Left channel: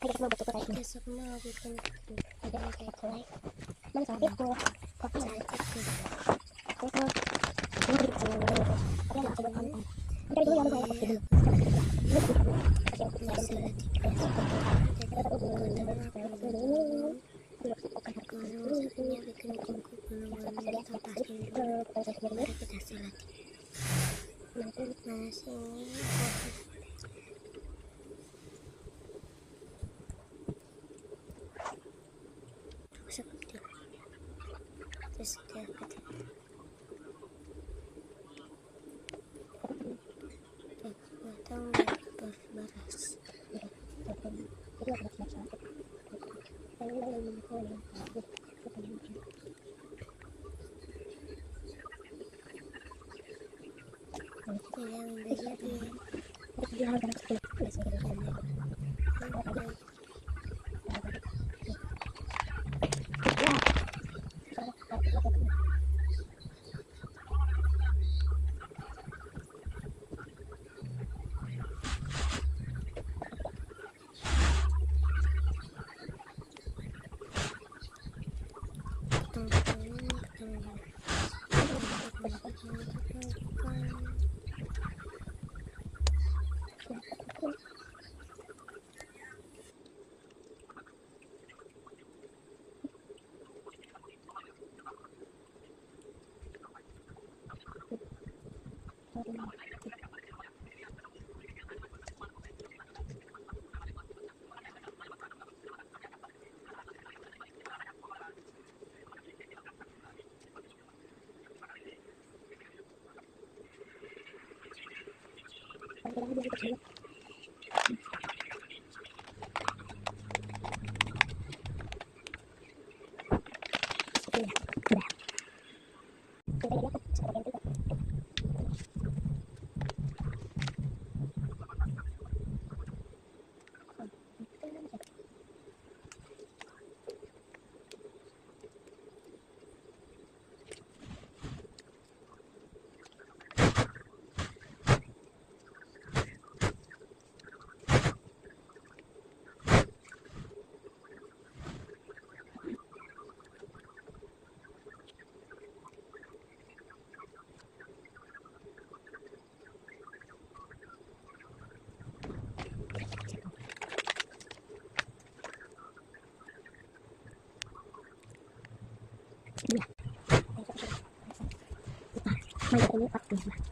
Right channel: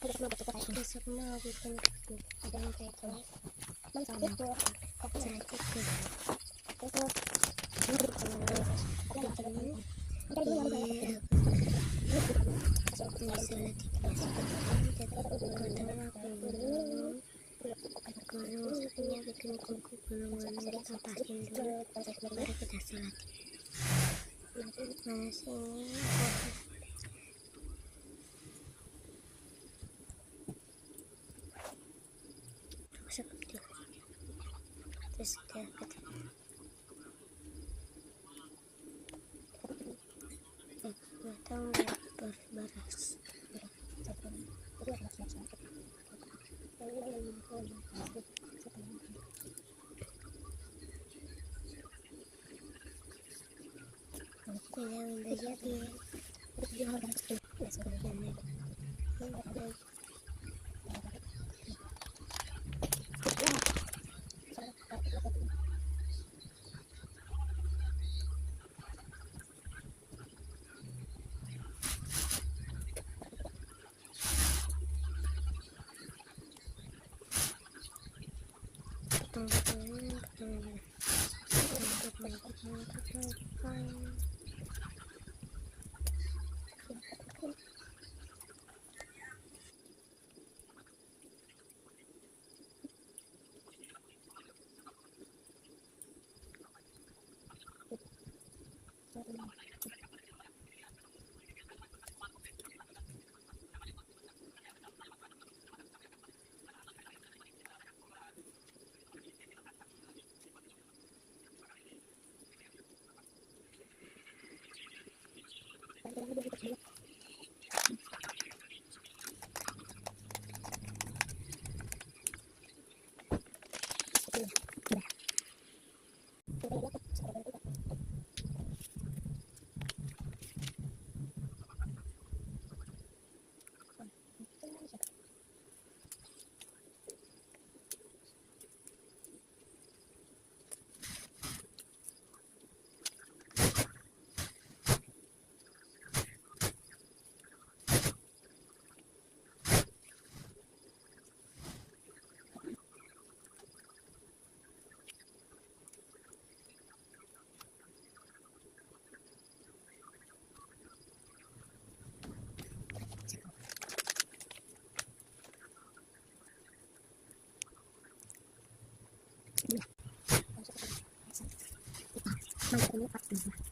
besok mau bikin kayak naik sakit tuh masalah di kelas jadi nggak tahu apa dulu saatnya bikin kuku gulung-gulung diatasin dulu baru kita sholat mana sini seperti terus dia nggak tahu baras yang udah jadi ini